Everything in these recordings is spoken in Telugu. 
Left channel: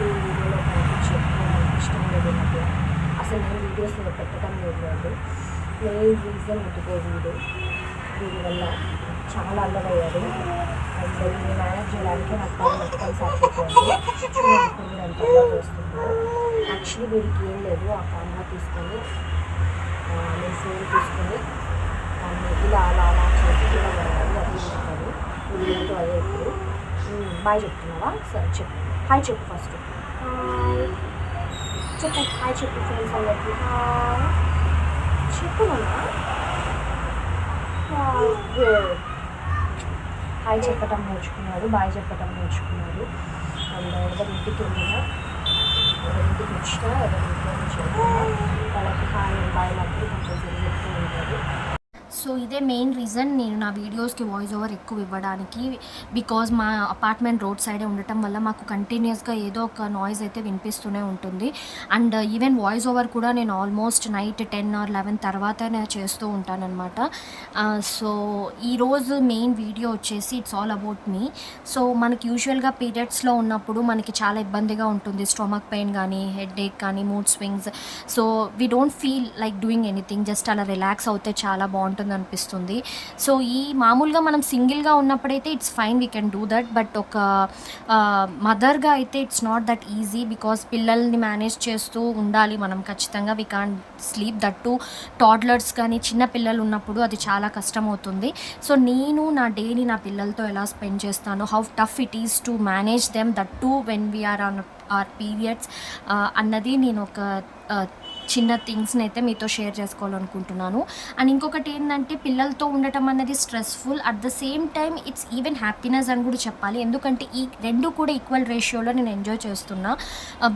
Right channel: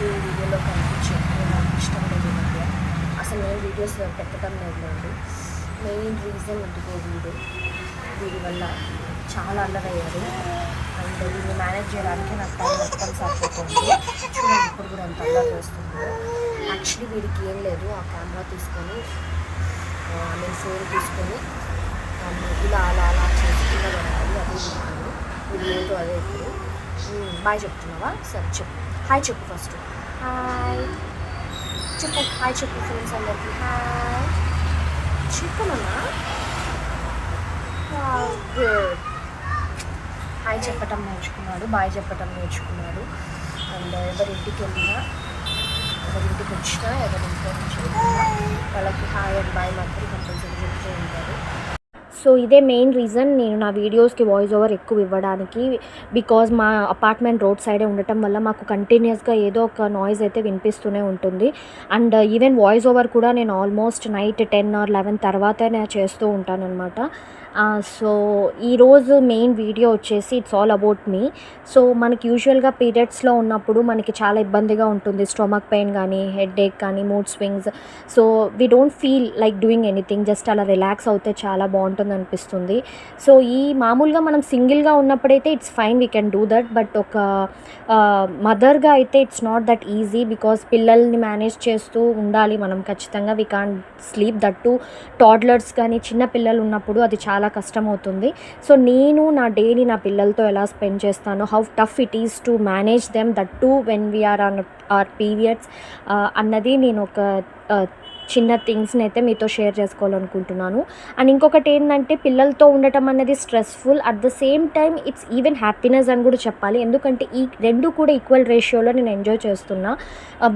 మీకు వీడియోలో కనిపించడం లేదు మధ్య అసలు నేను వీడియోస్ పెట్టడం లేదు అండి. మెయిన్ రీజన్ ఇదిగో వీడి వల్ల చాలా అల్లరయ్యారు. అండ్ వీడిని మేనేజ్ చేయడానికి నాకు టైం మొత్తం సరిపోతుంది. చూడండి ఇప్పుడు కూడా ఎంత అల్లరి చేస్తుందో. యాక్చువల్లీ వీడికి ఏం లేదు, ఆ కెమెరా తీసుకొని నేను ఫోన్ తీసుకొని ఇలా అలా అలా చేసి ఇలా వెళ్ళాలి. అదే చెప్తాను వీడియోతో. అదే ఇప్పుడు బాయ్ చెప్తున్నావా? సరే చెప్పు, హాయ్ చెప్పు. ఫస్ట్ హాయ్ చెప్పు, హాయ్ చెప్పు ఫ్రెండ్స్ అందరికి. హాయ్ చెప్పనమ్మా. గుడ్. హాయ్ చెప్పటం నేర్చుకున్నాడు, బాయ్ చెప్పటం నేర్చుకున్నాడు. అండ్ ఎవరింటికి వెళ్ళినా, ఎవరింటికి వచ్చినా, ఎవరింట్లో నుంచి వెళ్ళినా వాళ్ళకి హాయ్ అండ్ బాయ్ మాత్రం కంపల్సరీ చెప్తూ ఉంటారు. సో ఇదే మెయిన్ రీజన్ నేను నా వీడియోస్కి వాయిస్ ఓవర్ ఎక్కువ ఇవ్వడానికి. బికాజ్ మా అపార్ట్మెంట్ రోడ్ సైడే ఉండటం వల్ల మాకు కంటిన్యూస్గా ఏదో ఒక నాయిస్ అయితే వినిపిస్తూనే ఉంటుంది. అండ్ ఈవెన్ వాయిస్ ఓవర్ కూడా నేను ఆల్మోస్ట్ నైట్ 10 or 11 తర్వాతే నేను చేస్తూ ఉంటానన్నమాట. సో ఈరోజు మెయిన్ వీడియో వచ్చేసి it's all about me. So మనకి యూజువల్గా పీరియడ్స్లో ఉన్నప్పుడు మనకి చాలా ఇబ్బందిగా ఉంటుంది. స్టొమక్ పెయిన్ కానీ, హెడ్ ఏక్ కానీ, mood swings. So we don't feel like doing anything, just అలా రిలాక్స్ అవుతే చాలా బాగుంటుంది అనిపిస్తుంది. సో ఈ మామూలుగా మనం సింగిల్గా ఉన్నప్పుడైతే it's fine, we can do that. But ఒక మదర్గా అయితే it's not that easy. Because పిల్లల్ని మేనేజ్ చేస్తూ ఉండాలి మనం ఖచ్చితంగా. We can't sleep that to toddlers కానీ చిన్న పిల్లలు ఉన్నప్పుడు అది చాలా కష్టం అవుతుంది. సో నేను నా డేని నా పిల్లలతో ఎలా స్పెండ్ చేస్తాను, how tough it is to manage them that too when we are on our periods అన్నది నేను ఒక చిన్న థింగ్స్ని అయితే మీతో షేర్ చేసుకోవాలనుకుంటున్నాను. అండ్ ఇంకొకటి ఏంటంటే పిల్లలతో ఉండటం అనేది stressful, at the same time it's even happiness అని కూడా చెప్పాలి. ఎందుకంటే ఈ రెండు కూడా ఈక్వల్ రేషియోలో నేను ఎంజాయ్ చేస్తున్నా.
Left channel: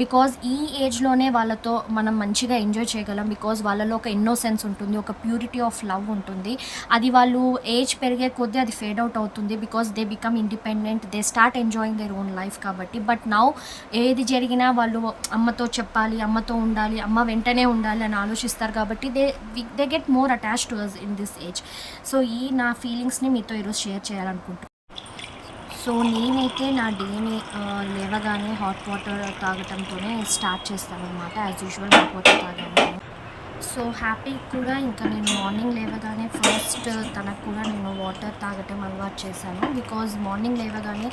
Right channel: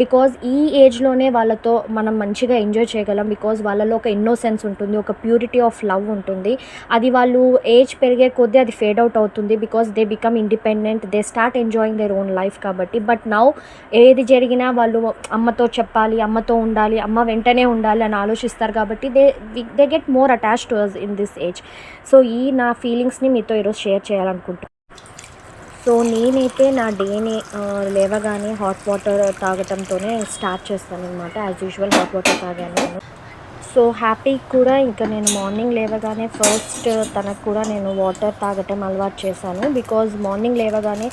బికాజ్ ఈ ఏజ్లోనే వాళ్ళతో మనం మంచిగా ఎంజాయ్ చేయగలం. బికాజ్ వాళ్ళలో ఒక ఇన్నోసెన్స్ ఉంటుంది, ఒక ప్యూరిటీ ఆఫ్ లవ్ ఉంటుంది. అది వాళ్ళు ఏజ్ పెరిగే కొద్దీ అది ఫేడ్ అవుట్ అవుతుంది. Because they become independent, they start enjoying their own life కాబట్టి. బట్ నౌ ఏది జరిగినా వాళ్ళు అమ్మతో చెప్పాలి, అమ్మతో ఉండాలి, అమ్మ వెంటనే ఉండాలి అని ఆలోచిస్తారు కాబట్టి they get more attached to us in this age. So ఈ నా ఫీలింగ్స్ని మీతో ఈరోజు షేర్ చేయాలనుకుంటున్నాను. సో నేనైతే నా డేని లేవగానే హాట్ వాటర్ తాగటంతోనే స్టార్ట్ చేస్తాను అనమాట. యాజ్ యూజువల్ హాట్ వాటర్ తాగాను నేను. సో హ్యాపీ కూడా ఇంకా నేను మార్నింగ్ లేవగానే ఫస్ట్ తనకు కూడా నేను వాటర్ తాగటం అలవాటు చేశాను. బికాజ్ మార్నింగ్ లేవగానే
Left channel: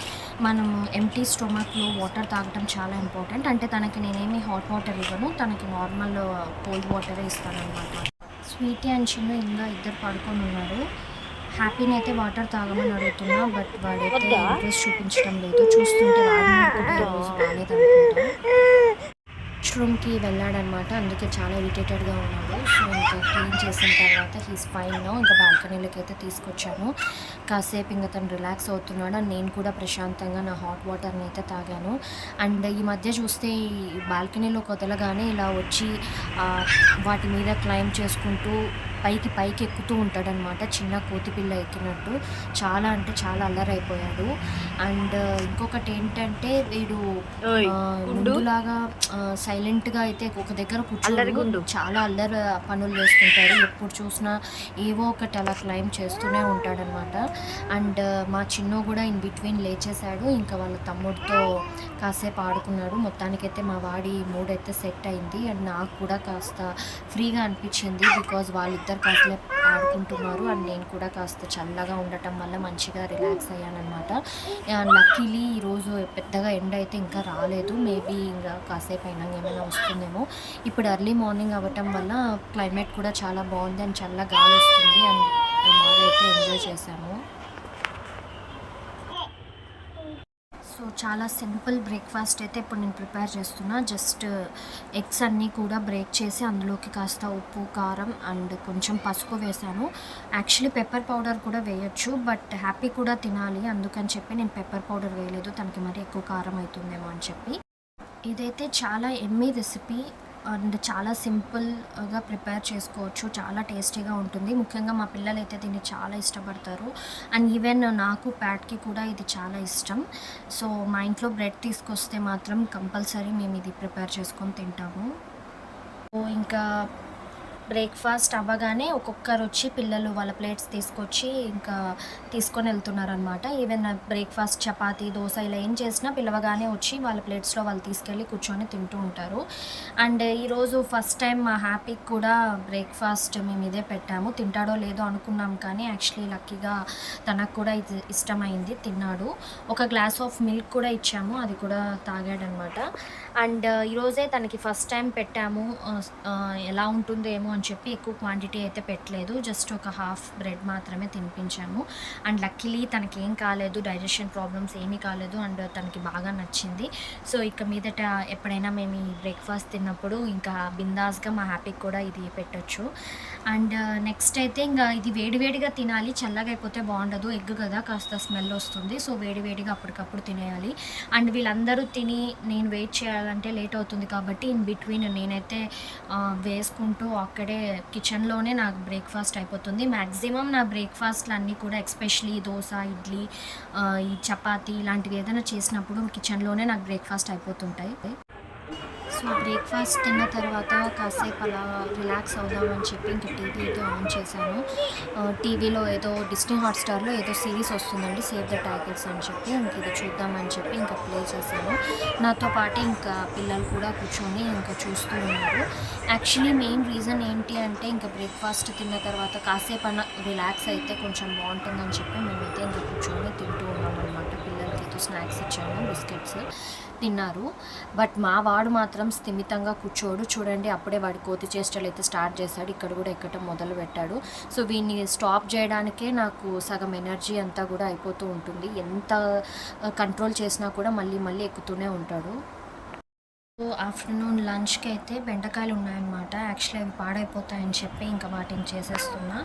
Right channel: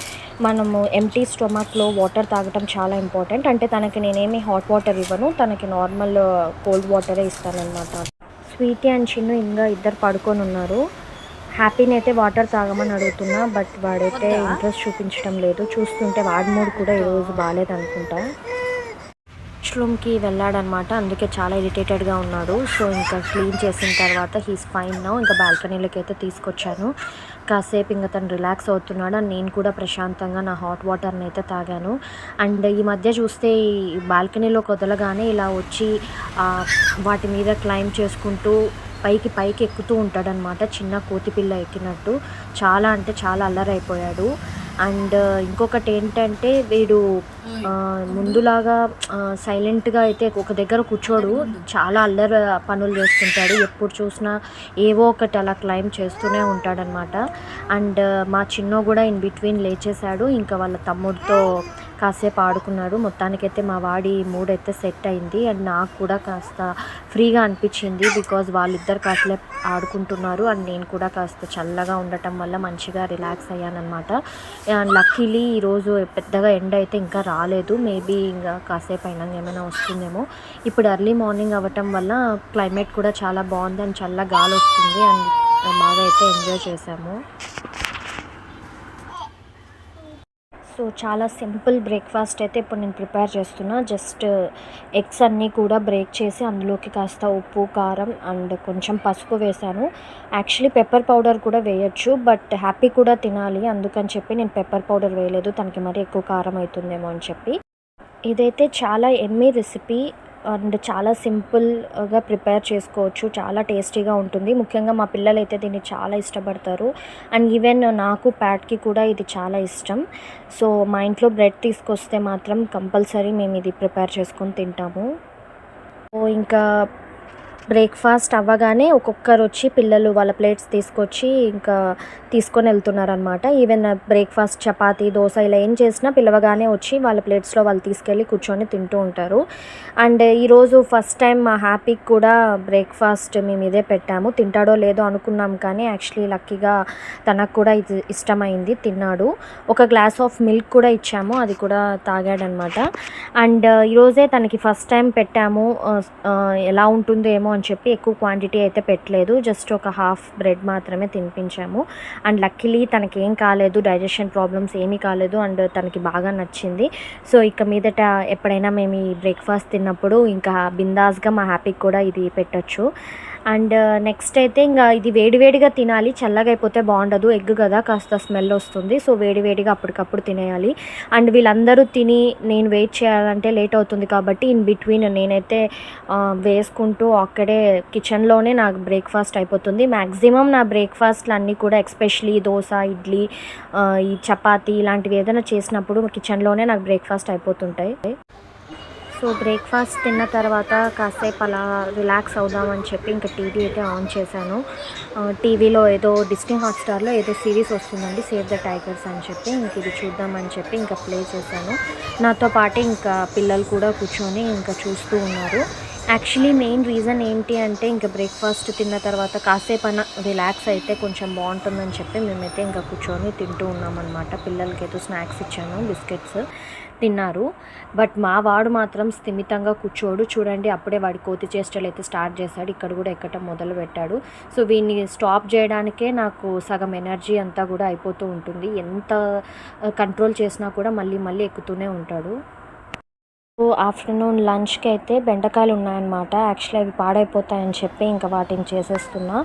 మనము ఎంప్టీ స్టొమక్లో వాటర్ తాగటం చాలా ఇంపార్టెంట్. అంటే తనకి నేనేమి హాట్ వాటర్ ఇవ్వను, తనకి నార్మల్ కోల్డ్ వాటరే ఇస్తానన్నమాట. స్వీటీ అండ్ చిన్ను ఇంకా ఇద్దరు పడుకొని ఉన్నారు. హ్యాపీని అయితే వాటర్ తాగమని అడుగుతున్నా, బట్ వాడైతే ఇంట్రెస్ట్ చూపించడం లేదు. చూస్తుంటే వాడి మూడు కూడా ఈరోజు బాగాలేదనుకుంటా. రూమ్కి వెళ్ళాడనమాట, అందుకే చాలా ఇరిటేటెడ్గా ఉన్నాడు. సో ఇంకా క్లీన్ చేసిన తర్వాత హీస్ ఫైన్ నౌ. ఇంకా బాల్కనీలోకి అయితే తీసుకొచ్చాను. కాసేపు ఇంకా తను రిలాక్స్ అవుతున్నాడు. అండ్ నేను కూడా ప్రశాంతంగా నా హాట్ వాటర్ని అయితే తాగాను. అండ్ ఈ మధ్య చూస్తే ఈ బాల్కనీలోకి వదలగానే ఇలా వచ్చి వాటి మీద క్లైంబ్ చేసుకుంటూ పైకి ఎక్కుతూ ఉంటాడనమాట, చిన్న కోతిపిల్ల ఎక్కినట్టు. చాలా అంటే చాలా అల్లరైపోయాడు. అండ్ ఇంకొకటి ఏంటంటే వీడు ముందులాగా సైలెంట్గా అయితే ఒక దగ్గర కూర్చోడు, చాలా అల్లరి పనులు చేస్తుంటాడు. ఎప్పుడు చూసినా ఏవో ఒకటి అలా క్లైమ్ చేస్తూనే ఉంటాడనమాట. అండ్ మా చిన్నో కూడా ఇన్ బిట్వీన్ లేచేశాడు, ఇంకా వాళ్ళ తమ్ముడితో కాసేపు ఆడుకున్నాడు. మొత్తానికైతే మా వాడి మూడ్ అయితే సెట్ అయింది. అండ్ నాకు కూడా కాస్త ఫ్రీగా అనిపించింది. బికాజ్ వాళ్ళిద్దరు కాస్త ఆడుకుంటున్నారు అండ్ నేను కూడా కాస్త చల్లగా ఉండటం వల్ల మంచిగా రిలాక్స్ అయ్యానమాట. లక్కీలీ ఈరోజు పెద్దగా ఎండ అయితే ఇంకా రాలేదు. మేబీ ఇంకా కాసేపు అయినా ఏమైనా వస్తుందేమో. ఇప్పుడు ఎర్లీ మార్నింగ్ అవ్వటం వల్ల క్లైమేట్ కూడా చాలా బాగుంది అండ్ చల్ల గాలి వస్తుంది. అండ్ బాగా అయితే ఎంజాయ్ చేసాము. సో చాలా సింపుల్ బ్రేక్ఫాస్ట్ అయితే ఇప్పుడు నేను ప్రిపేర్ చేస్తున్నా. జస్ట్ ఎగ్స్ అన్నీ కూడా బ్రేక్ చేసి అందులోకి కాస్త ఉప్పు, కారం అండ్ కొంచెం పసుపు వేసాను. యాక్చువల్లీ పెప్పర్ పౌడర్ కూడా వేయొచ్చు, బట్ హ్యాపీ కూడా తినాలి అందుకని చెప్పి నేను పెప్పర్ పౌడర్ వేయలేదు, తనకి మరి ఎక్కువ కారం అవుతుందేమో అని చెప్పి. ఇదైతే చాలా ఎమ్మీ రెసిపీ అండ్ చాలా సింపుల్గా ప్రిపేర్ చేసుకోవచ్చు, చాలా టేస్టీగా ఉంటుంది. ముఖ్యంగా మా పిల్లలు అయితే దీన్ని చాలా ఇష్టపడతారు. అండ్ ఈవెన్ నాకు ప్యాట్కి కూడా ఇది చాలా ఇష్టం. సో మా ఇంట్లో బ్రెడ్ తీసుకొస్తే మాత్రం కంపల్సరీ మేము ఇది ప్రిపేర్ చేసుకొని తింటాము. సో ఇంకా బ్రేక్ఫాస్ట్ అవ్వగానే ఒక్కొక్కరు వచ్చి పిల్లలు వాళ్ళ ప్లేట్స్ తీసుకొచ్చి ఇంకా తీసుకొని వెళ్తున్నారనమాట. ఈవెన్ బ్రేక్ఫాస్ట్ చపాతీ, దోశ ఇలా ఏం చేసినా పిలవగానే వచ్చి వాళ్ళ ప్లేట్స్లో వాళ్ళు తీసుకెళ్ళి కూర్చొని తింటూ ఉంటారు. అండ్ ఈరోజు ఫస్ట్ టైం మా హ్యాపీకి కూడా బ్రేక్ఫాస్ట్ మేము ఇదే పెట్టాము. తింటాడో లేదో అనుకున్నాం, కానీ యాక్చువల్లీ లక్కీగా తనకు కూడా ఇది ఇష్టమైంది, తిన్నాడు. ఒక గ్లాస్ ఆఫ్ మిల్క్ కూడా ఇచ్చాము, అది కూడా తాగాడనమాట. అండ్ ఈరోజే తనకి ఫస్ట్ టైం పెట్టాము. ఎలా ఉంటుందో ఏమో అని చెప్పి ఎక్కువ క్వాంటిటీ అయితే పెట్టలేదు, జస్ట్ ఒక హాఫ్ బ్రెడ్ మాత్రమే తినిపించాము. అండ్ లక్కీలీ తనకేం కాలేదు, డైజెషన్ ప్రాబ్లమ్స్ ఏమీ కాలేదు, అండ్ తనకి బాగా నచ్చింది. సో ఇక మీదట ఎప్పుడైనా మేము ఈ బ్రేక్ఫాస్ట్ తిన్నప్పుడు ఇంకా బిందాస్గా మా హ్యాపీకి కూడా ఇది పెట్టచ్చు. అండ్ నెక్స్ట్ అయితే ఇంకా ఇది వేడివేడిగా తినాలి, చల్లగా అయిపోతే బాగుండదు. ఎగ్ కదా, కాస్త స్మెల్ వస్తుంది. సో వేడివేడిగా అప్పటికప్పుడు తినేయాలి. అండ్ వీళ్ళందరూ తిని నేను వెయిట్ చేయాలంటే లేట్ అవుతుంది కాబట్టి ఇన్ బిట్వీన్ నేనైతే వేసుకుంటూ అక్కడే కిచెన్లోనే నాకు బ్రేక్ఫాస్ట్ అయిపోతుంది. మ్యాక్సిమం నా బ్రేక్ఫాస్ట్లు అన్నీ కూడా ఎస్పెషలీ దోశ, ఇడ్లీ, ఈ చపాతీ ఇలాంటివి ఏదైనా చేసినప్పుడు కిచెన్లోనే నాకు బ్రేక్ఫాస్ట్ అయిపోతుంటాయి. సో బ్రేక్ఫాస్ట్ తిన్న తర్వాత కాసేపు అలా రిలాక్స్ అవుదామని చెప్పి ఇంకా టీవీ అయితే ఆన్ చేశాను. టీవీలో ఏదో డిస్నీ హాట్స్టార్లో ఏదో సిరీస్ వస్తుందండి, సేవ్ ద టైగర్స్ అని చెప్పి, ఇంక ఇది చూద్దామని చెప్పి ఇంకా ప్లే చేశాను. నాతో పాటు ఇంకా పిల్లలు కూడా కూర్చొని ఇంకా చూస్తూ ఉన్నారు. యాక్చువల్లీ మెయిన్ రీజన్ ఏంటి అంటే ఇంకా బ్రేక్ఫాస్ట్ తిన్న తర్వాత కాసేపు రిలాక్స్ అయితే కొంచెం బాగుంటుందని చెప్పి మేమైతే ఇంకా కూర్చొని తింటూ ఉన్నామన్నమాట. పిల్లలకి ఏదో స్నాక్స్ ఇచ్చాను, బిస్కెట్స్ తిన్నారు. బట్ మా వాడు మాత్రం స్థిమితంగా కూర్చోడు. చూడండి అప్పుడే వాడి కోతి చేష్టలు అయితే స్టార్ట్ చేశాడు, ఇక్కడ కూడా ఎక్కటం మొదలు పెట్టాడు. సో వీడిని స్టాప్ చేయడానికే నాకు సగం ఎనర్జీ అంతా కూడా అయిపోతూ ఉంటుంది. ఎంత కంట్రోల్ చేసినా కూడా మళ్ళీ మళ్ళీ ఎక్కుతూనే ఉంటాడు. ఆఫ్టర్నూన్ లంచ్కి అయితే బెండకాయలు ఉన్నాయన్నమాట. యాక్చువల్లీ అవి పాడైపోతాయని చెప్పి ఇంకా వాటిని చేసేస్తున్నా.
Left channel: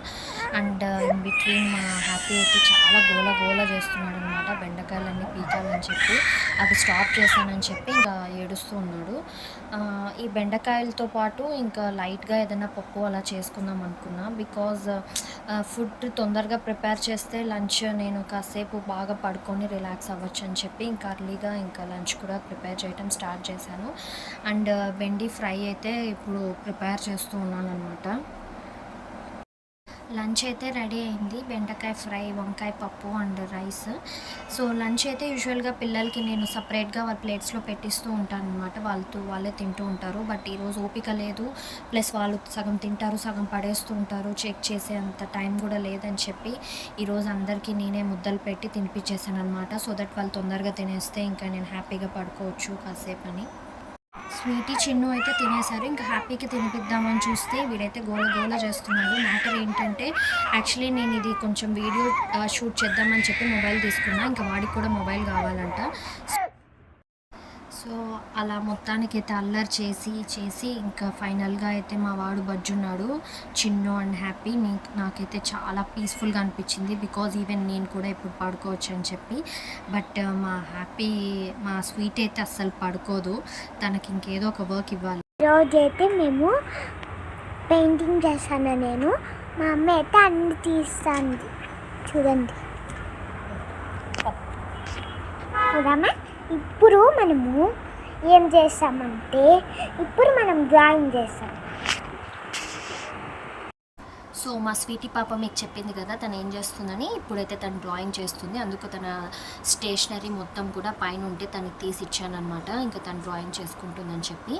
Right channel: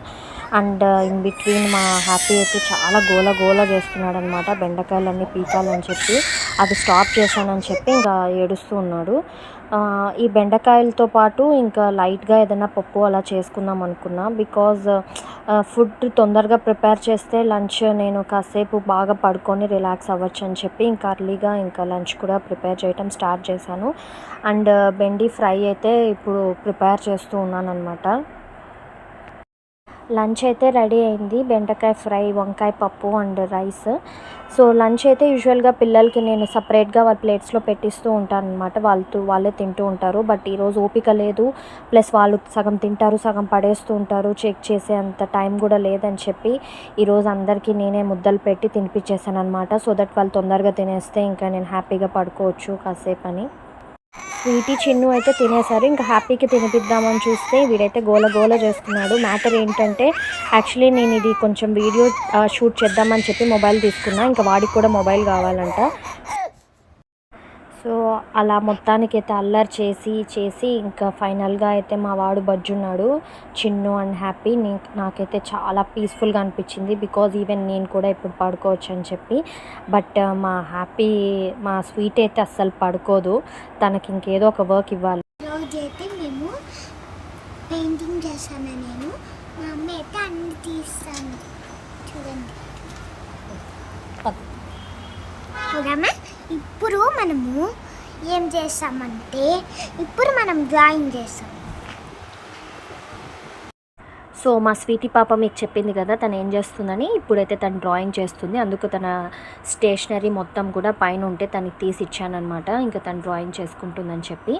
అండ్ ఇన్ బిట్వీన్ మా హ్యాపీ అయితే చాలా గోల గోల చేస్తున్నాడు అనమాట, బెండకాయలన్నీ పీకాలని చెప్పి. అది స్టాప్ చేశానని చెప్పి ఇంకా ఏడుస్తూ ఉన్నాడు. ఈ బెండకాయలతో పాటు ఇంకా లైట్గా ఏదైనా పప్పు అలా చేసుకుందాం అనుకున్నా. బికాజ్ ఫుడ్ తొందరగా ప్రిపేర్ చేస్తే లంచ్ నేను కాసేపు బాగా పడుకొని రిలాక్స్ అవ్వచ్చు అని చెప్పి ఇంకా అర్లీగా ఇంకా లంచ్ కూడా ప్రిపేర్ చేయటం స్టార్ట్ చేశాను. అండ్ బెండి ఫ్రై అయితే ఇప్పుడు ప్రిపేర్ చేస్తూ ఉన్నాను అనమాట. లంచ్ అయితే రెడీ అయింది, బెండకాయ ఫ్రై, వంకాయ పప్పు అండ్ రైస్. సో లంచ్ అయితే యూజువల్గా పిల్లలకి నేను సపరేట్గా వాళ్ళ ప్లేట్స్లో పెట్టిస్తూ ఉంటాను అనమాట, వాళ్ళే తింటూ ఉంటారు. బట్ ఈరోజు ఓపిక లేదు, ప్లస్ వాళ్ళు సగం తింటారు, సగం పడేస్తూ ఉంటారు, చెక్ చేసే అంత టైం కూడా లేదని చెప్పి ఈరోజు అందరికీ నేనే ముద్దలు పెట్టి తినిపించేసాను అనమాట. సో దట్ వాళ్ళు తొందరగా తినేస్తే ఇంకా నేను హ్యాపీగా పడుకోవచ్చు కాసేపు అని. స్వీటీ, చిన్ను అయితే తినేశారు. ఇంకా హ్యాపీకి తినిపిద్దామని చూస్తే వీడైతే గోల గోల చేస్తున్నాడు. మ్యాటర్ ఏంటంటే యాక్చువల్లీ నేను ఇది కొంచెం వీడియో షూట్ చేద్దామని చెప్పి మొబైల్ తీసుకున్నా, ఇంకా వాడికి కూడా మొబైల్ కావాలంట. సో అలా మొత్తానికి అయితే అల్లరి చేసి ఇంకా ఫైనల్గా అయితే మా వాడు బజ్జున్నాడు, చిన్ను అండ్ హ్యాపీ. నాకైతే చాలా పీస్ఫుల్గా అనిపించింది, బికాజ్ ఈవెన్ నేను కూడా ఇప్పుడు పడుకోవచ్చు అని చెప్పి. బట్ మా స్వీట్ అయితే అస్సలు పడుకోదు, తనకి ఇంకేదో ఒక వర్క్ ఇవ్వాలి. రోజైతే మేము పెయింటింగ్ చేశాను నేను, మా అమ్మ అయితే అన్ని తీస్తాను చూడండి. చూడమ్మా, ఇప్పుడు మనము ఏం చేస్తామంటే ఇప్పుడు మనం డ్రాయింగ్ చేస్తాం. సో మా స్వీటీ పాప మీకు చెప్పింది కదా తను ఏం చేస్తుందని, ఇప్పుడైతే తను డ్రాయింగ్ చేస్తుంది. అందుకు తన స్టేషనరీ మొత్తం కూడా పైన ఉంటే తనకి తీసి ఇచ్చానమాట, ఇంకా తను డ్రాయింగ్ చేసుకుంటుందని చెప్పి.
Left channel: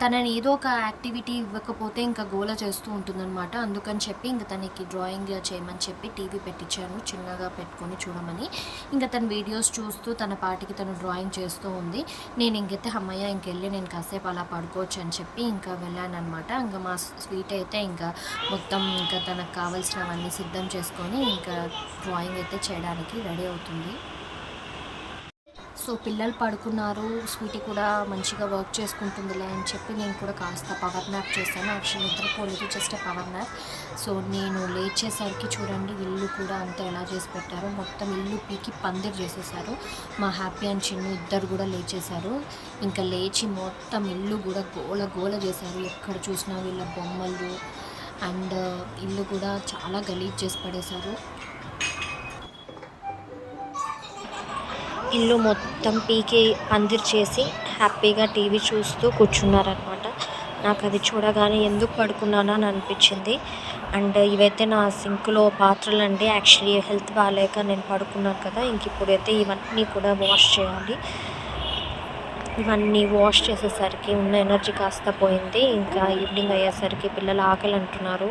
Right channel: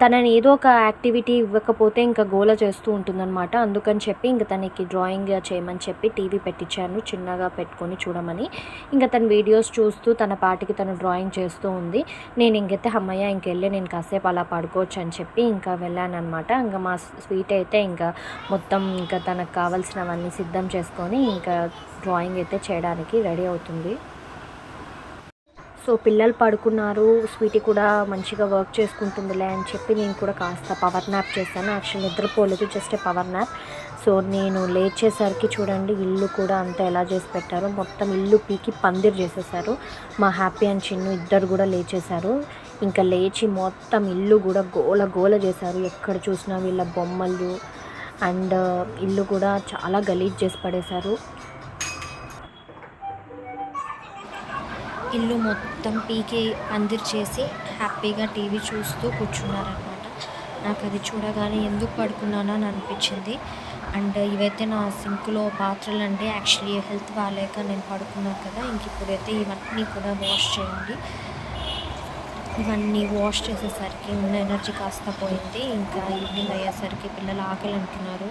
తనని ఏదో ఒక యాక్టివిటీ ఇవ్వకపోతే ఇంకా గోల చేస్తూ ఉంటుందన్నమాట. అందుకని చెప్పి ఇంకా తనకి డ్రాయింగ్ చేయమని చెప్పి టీవీ పెట్టించాను, చిన్నగా పెట్టుకొని చూడమని. ఇంకా తన వీడియోస్ చూస్తూ తన పాటికి తను డ్రాయింగ్ చేస్తూ ఉంది. నేను ఇంకైతే అమ్మయ్య ఇంకెళ్ళి నేను కాసేపు అలా పడుకోవచ్చు అని చెప్పి ఇంకా వెళ్ళాను అనమాట. ఇంకా మా స్వీట్ అయితే ఇంకా మొత్తం ఇంకా తనకు కావాల్సినవన్నీ సిద్ధం చేసుకొని ఇంకా డ్రాయింగ్ అయితే చేయడానికి రెడీ అవుతుంది. సో పిల్లలు పడుకున్నారు, స్వీటీ కూడా మంచిగా వర్క్ చేసుకుంటుందిలే అని చెప్పి నేను కూడా కాస్త పవర్ న్యాప్ చేశాను. యాక్చువల్లీ నిద్రపోలేదు, జస్ట్ పవర్ న్యాప్. సో నేను లేచేసరికి చూడండి ఇల్లు కూడా అంతా ఎలా చేసి పెట్టారో, మొత్తం ఇల్లు పీకి పందిర్ చేసేసారు. మా హ్యాపీ అండ్ చిన్ను ఇద్దరు కూడా లేచేశారు. ఇంకా లేచి మొత్తం ఇల్లు కూడా గోల గోల చేశారు, ఎక్కడ చూసినా వీళ్ళ బొమ్మలు. అండ్ ఇల్లు కూడా చాలా గలీజ్ చేసి పడేశారు. ఇల్లు మొత్తం పీకి పందిరి చేసి హ్యాపీగా టీవీ చూస్తూ కూర్చున్నారనమాట. నాకు అది చూడగానే ఎందుకు పడుకున్నానని అనిపించింది. అండ్ ఇవైతే నా సింక్లో పాత్రలండి. యాక్చువల్లీ హెల్త్ బాగాలేక నేను పడుకున్నాను కదా, ఇంక ఇప్పుడైతే ఇవన్నీ కూడా వాష్ చేయాలి. ఇవన్నీ వాష్ చేసేసరికి ఉన్న ఎనర్జీ కాస్త పోయింది. ఇంకా ఈవినింగ్ అయ్యేసరికి పిల్లలు ఆకలి అంటున్నారు.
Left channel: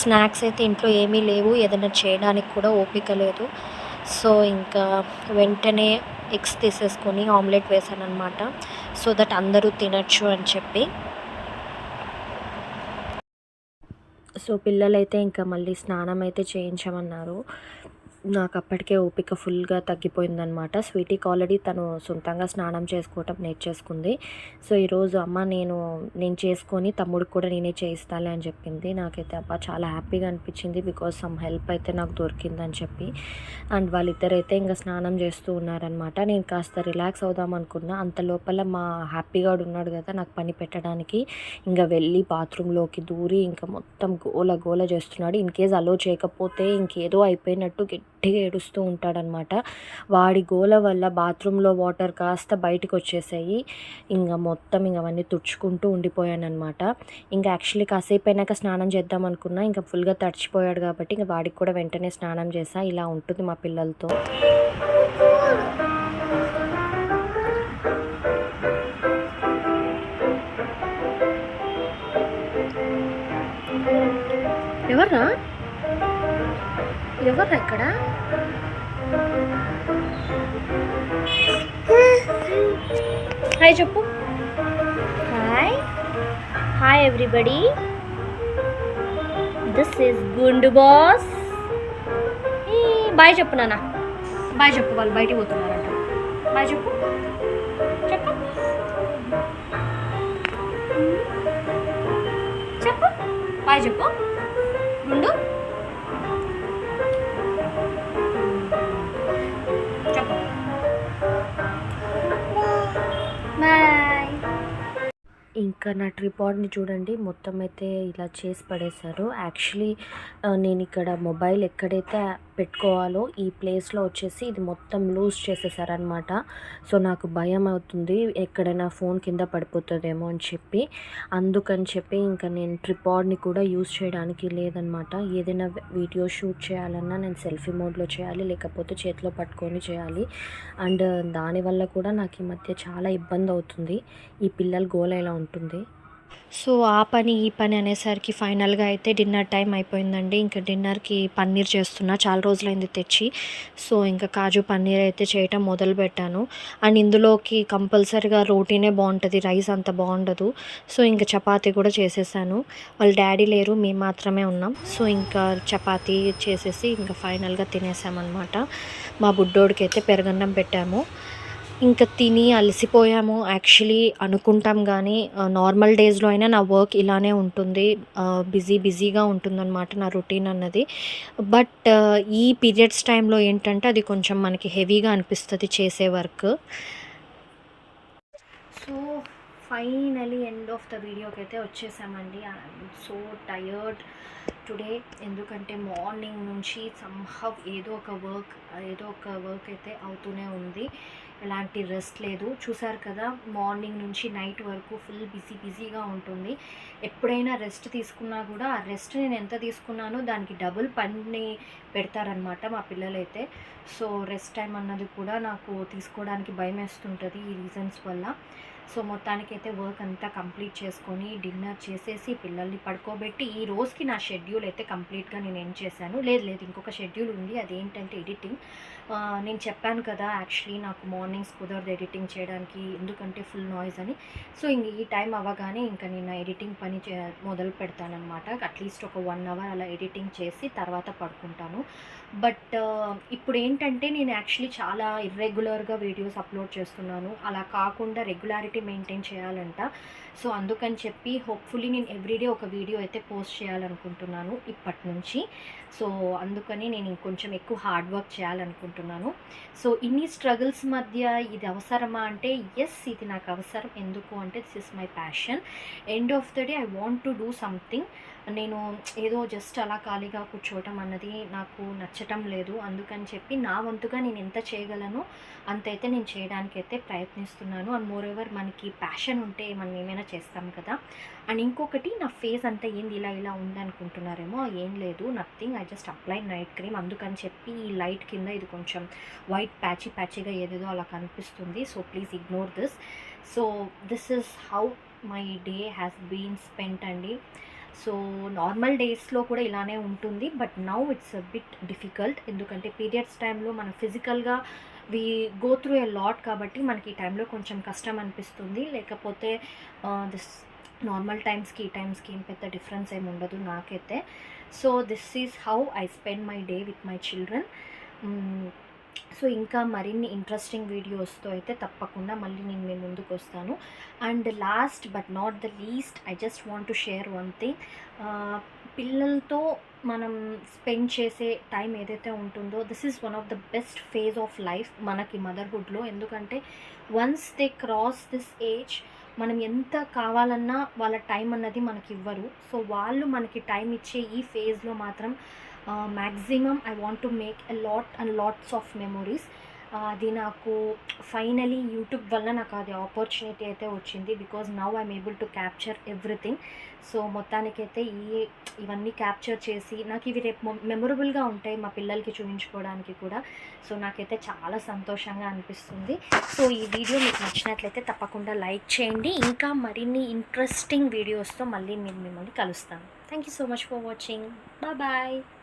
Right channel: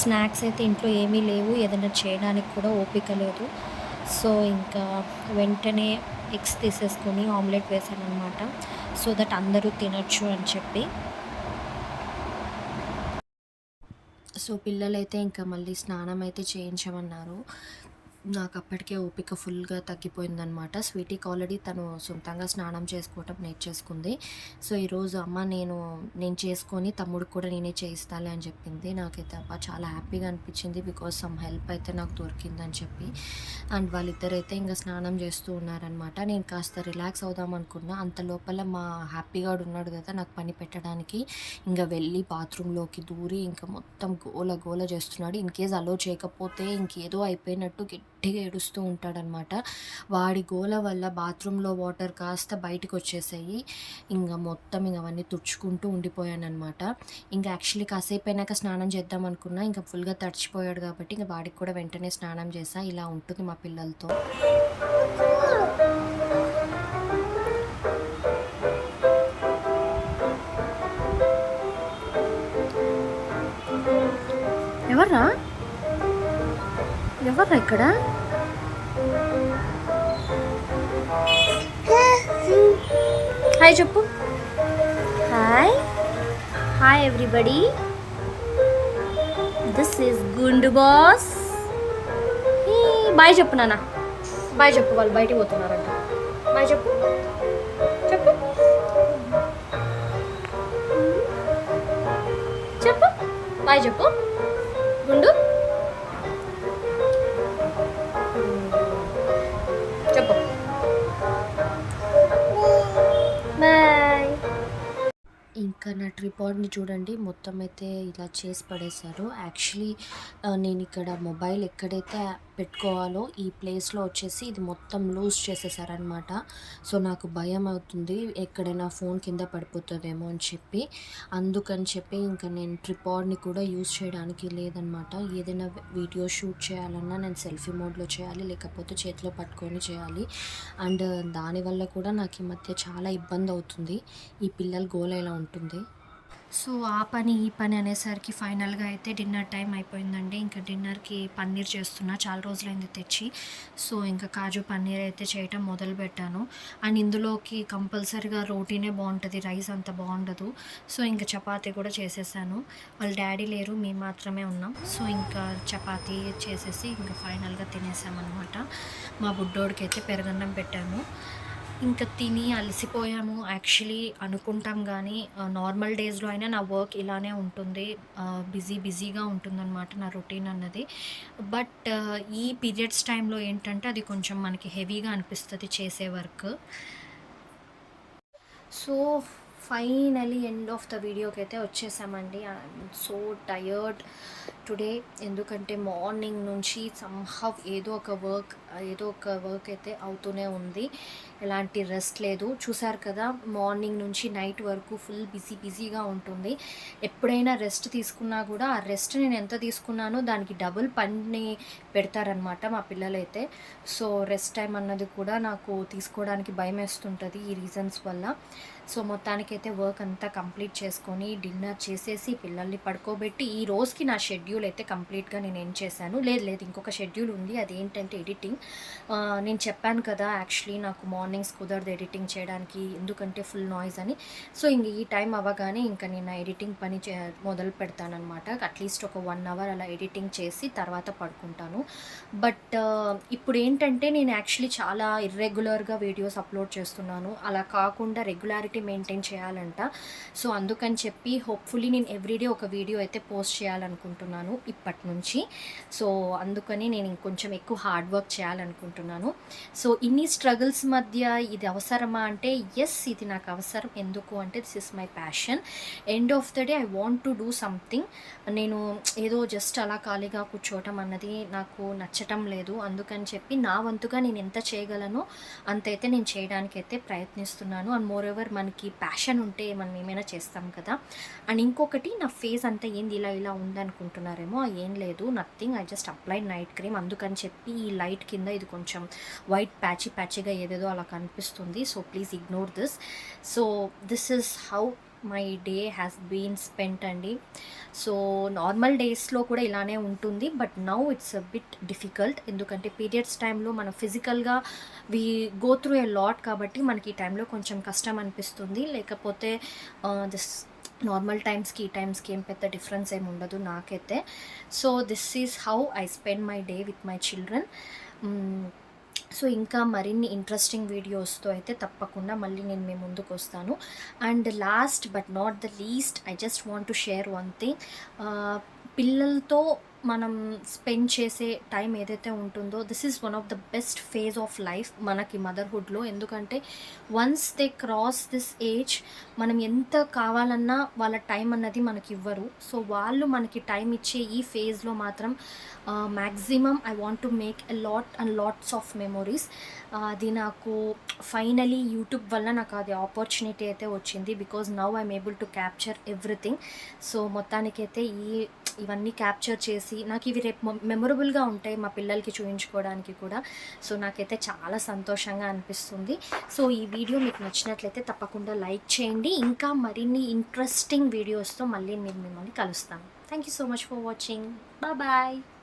స్నాక్స్ అయితే ఇంట్లో ఏమీ లేవు, ఏదైనా చేయడానికి కూడా ఓపిక లేదు. సో ఇంకా వెంటనే ఎగ్స్ తీసేసుకొని ఆమ్లెట్ వేసాననమాట, సో దట్ అందరూ తినచ్చు అని చెప్పి. సో పిల్లలైతే ఇంకా మళ్ళీ స్నానం అయితే చేయించమన్నారు. నాకు అప్పటికే ఓపిక ఫుల్గా తగ్గిపోయిందనమాట. స్వీటీకి ఆల్రెడీ తను సొంతంగా స్నానం చేసుకోవటం నేర్చేసుకుంది. సో ఈరోజు అమ్మ నేను చేసుకొని తమ్ముడికి కూడా నేనే చేయిస్తాలే అని చెప్పింది. నాకైతే అబ్బా చాలా హ్యాపీగా అనిపించింది, బికాజ్ సమ్ హెల్ప్ అయితే నాకు దొరికిందని చెప్పి. అండ్ వాళ్ళిద్దరైతే ఇంకా స్నానం చేస్తూ ఉన్నారనమాట. నేను కాస్త రిలాక్స్ అవుదాం అనుకున్నా, అంత లోపల మా హ్యాపీగాడు ఉన్నాడు కదా నాకు పని పెట్టడానికి, ఇంకా వెళ్ళి బాత్రూంలోకి దూరి ఇంకా మొత్తం గోల గోల చేస్తున్నాడు. ఇన్ కేస్ అలో చేయకపోతే ఇంకేదో అయిపోయినట్టు గట్టిగా ఏడుస్తూ ఉంటాడనమాట. వాడి గోల వల్ల బాత్రూంలో వాటర్ కాస్త బయటకు వచ్చేసాయి. ఇంకా మొత్తం ఇంక అవన్నీ తుడుచుకుంటూ ఉండిపోయానమాట. ఇంకా యాక్చువల్లీ కాసేపు అయినాక స్నానం చేద్దాం అనుకున్నా, ఇంకా ఫుల్గా తడిచిపోయాడు కాబట్టి ఇంకా వాడికి కూడా వెంటనే స్నానం చేసా. ఇలా ఉంటుంది మా పిల్లలతో. ఎవర్రా ఎవర్రా ఇక్కడ? హాయ్ చెప్పు. Hi hi everybody, this is గుండు బాస్. బాయ్ చెప్పు నాన్న, బాయ్ చెప్పు. వాళ్ళు బయటికి పోతున్నారంట. బాయ్ చెప్పు చెప్పు చెప్పు. బాయ్ చెప్పు గుండు, చెప్పు బాయ్. ఇంకా నా ట్రిపాడ్ని చూడండి, మొత్తం అయితే ఇలా చేసి పడేశారు. యాక్చువల్లీ నేను ఇక్కడ మొబైల్ ఎక్కడైతే పెట్టుకోవాలో ఈ ప్లేస్లో వచ్చేసి ఇది మొత్తం లూజ్ చేసేసారనమాట. సో నాకు భయం అవుతుంది ఎక్కడైనా ఫోన్ కింద పడిపోతుందేమో అని చెప్పి. అందుకని చెప్పి ఇంకా నేను ట్రిపాడ్ని కూడా యూజ్ చేయడానికి లేదనమాట. ఏదైనా వీడియో షూట్ చేయాలన్నా నేను సెల్ఫీ మోడ్లో చేయాలి, లేకపోతే చేతిలో పట్టుకొని చేయాలి. అండ్ దానివల్ల కూడా నాకు ఈ మధ్య చాలా ఇబ్బంది అవుతుంది, ఈ పిల్లల గోల ఇలా ఉంటుంది. సో ఆ పని ఈ పని అనేసరికి ఫైనల్గా అయితే డిన్నర్ టైం అయిపోయిందండి. ఇంకా డిన్నర్కి పన్నీర్ చేస్తున్నా, చాలా రోజులైంది తెచ్చి. సో ఇంకా కాజు పన్నీర్ అయితే చేయటం మొదలుపెట్టాను. అండ్ ఇందులోకి కంపల్సరీగా రోటీనే బాగుంటుంది, రైస్ అంత బాగుండదు. సో ఇంకా చపాతీ కూడా చేసేసాను. వాళ్ళ డాడీ లేరు, మేము మాత్రమే ఉన్నాం. సో ఇంకా చపాతీ చేసేసి ఇంకా ఫైనల్గా తినేసామన్నమాట. మా బుడ్డోడికి అయితే పెరుగన్నం పెట్టాము. ఇంకా తిని అలసిపోయాము యాక్చువల్లీ అనుకుంటాం కానీ, నార్మల్ డేస్లో అయినా నా వర్క్ ఇలానే ఉంటుంది, బిజీగా ఉంటుందన్నమాట నా రొటీన్ అన్నది. బట్ ఈ పీరియడ్స్ టైంలో ఏంటంటే అది కొంచెం మనకి హెవీగా అనిపిస్తుంది చేసే work. So finally end of the వీడియోకి అయితే వచ్చేసామండి. ఐఎమ్ సో టయర్డ్ టుడే, ఎందుకంటే మార్నింగ్ నుంచి సమ్హవ్ ఏదో ఒక వర్క్ అయితే అవుతూనే ఉంది, ఎలాంటి రెస్ట్ లేదు. చూసారు కదా, మార్నింగ్ నుంచి నైట్ వరకు ఫుల్ బిజీగా ఉంటుంది. ఎప్పుడైనా రెస్ట్ తీసుకున్నా కూడా ఆ రెస్ట్ నేను ఎంత తీసుకున్నానో దానికి డబుల్ పని పెడతారనమాట మా పిల్లలైతే. సో రెస్ట్ టైం అన్నది కూడా నాకు తీసుకోవడానికి భయం వేస్తుంటుంది ఈ రీజన్స్ వల్ల. సో మొత్తానికైతే వర్క్ అంతా కంప్లీట్ చేసుకొని డిన్నర్ చేసేసి పిల్లల్ని పడుకోబెట్టి ఈ రోజుకి నా షెడ్యూల్ అయితే కంప్లీట్గా నేను ఎండ్ చేశాను. లేదు ఇంకొక షెడ్యూల్ ఉంది, అదేంటంటే ఎడిటింగ్. నేను చెప్పాను కదా యాక్చువల్లీ నాకు మార్నింగ్స్ కుదరదు ఎడిటింగ్ చేయడానికి, ఎందుకంటే ఫుల్ నాయిస్ అని. సో ఇంక ఈ టైం అవ్వగానే ఇంకా నేను నా ఎడిటింగ్ పని మొదలు పెడతానమాట. అట్లీస్ట్ ఒక 1 hour అలా ఎడిటింగ్ చేసి తర్వాత పడుకుంటాను. బట్ ఇప్పుడు ఏంటంటే నేను యాక్చువల్లీ చాలా ఇర్రెగ్యులర్గా వీడియోస్ అప్లోడ్ చేస్తున్నాను, అలా కాకుండా రెగ్యులారిటీ మెయింటైన్ చేయాలంట. సో అందుకని చెప్పి హోప్ఫుల్లీ నేను ఎవ్రీడే ఒక వీడియో అయితే పోస్ట్ చేయాలనుకుంటున్నాను ఇప్పటి నుంచి. సో అందుకని నేను ఇంకొంచెం ఎక్కువ హార్డ్ వర్క్ చేయాలనుకుంటున్నాను. సో ఇన్ని స్ట్రగుల్స్ మధ్య ఇది అవసరమా అంటే ఎస్, ఇది నాకు అవసరం. ఎందుకు అంటే this is my passion. End of the day I want to do something. నేను ఏదో జస్ట్ అలా ఖాళీగా కూర్చోవటం అన్నది నాకు నచ్చటం లేదు. అందుకని చెప్పి నా వంతుగా నేను ఎంత చేయగలనో అంతైతే నేను చేయడానికైతే ప్రయత్నిస్తున్నాను. అండ్ మోర్ ఓవర్ మన మనకి ప్యాషన్ ఉంటే మనం ఏమైనా చేస్తాం కదా. అండ్ ఇంకొకటి, నా ఫేస్ అంతా ఏంది ఇలా ఇలా ఉందనుకుంటున్నారేమో, ఏం లేదు, nothing, I just applied night cream. అందుకని చెప్పి ఈ లైట్ కింద ఇది కొంచెం వైట్ ప్యాచీగా ఏదేదో అలా కనిపిస్తుంది. So please ignore this. So this is how my day has been spent అండి. సో నార్మల్ డేస్లో కూడా ఇలానే ఉంటుంది, but now it's a bit difficult. ఎందుకంటే పీరియడ్స్ టైంలో మనం ఫిజికల్గా we go through a lot కాబట్టి మనకి ఈ టైంలో కొంచెం కష్టం అనిపిస్తుంది. లేకపోతే దిస్ నార్మల్ టైమ్స్కి ఈ టైమ్స్కి ఏం పెద్ద డిఫరెన్స్ ఏమి ఉండదు నాకైతే. So this is how I spend my day with my children. So ఇంకా మరిన్ని ఇంట్రెస్టింగ్ వీడియోస్తో అయితే తప్పకుండా మళ్ళీ నేను మీ ముందుకు వస్తాను. And last but not the least, I just want to share one thing. పిల్లలతో మనం స్పెండ్ చేసే టైం ఏదైతే ఉంటుందో, this is one of the best phase of life మనకి మదర్హుడ్లో. ఎందుకంటే once they cross this age, మనం ఎంత కావాలన్నా వాళ్ళ టైం అన్నది మనకి ఇవ్వరు. సో వాళ్ళు మనకి టైం ఇచ్చే ఈ ఫేజ్లో మాత్రం maximum I want to make a lot and lots of memories. అది నాకు ఫైనలీ యూట్యూబ్ వల్ల నాకు అది ఆపర్చునిటీ అయితే వచ్చింది. Because now I'm able to capture everything. So మొత్తానికైతే ఇవన్నీ క్యాప్చర్ చేసి నాకు ఇవి రేపు మెమొరబుల్గా ఉంటాయి మా పిల్లలకి చూపించుకోవడానికి కూడా. సో నాకైతే చాలా సంతోషంగా అనిపిస్తుంది. సో ఈ వీడియో మీకు నచ్చినట్లయితే తప్పకుండా లైక్ చేయండి. ఇంకా మరిన్ని ఇంట్రెస్టింగ్ వీడియోస్తో మళ్ళీ నేను మిమ్మల్ని కలుస్తాను. Thank you so much for watching. Bye.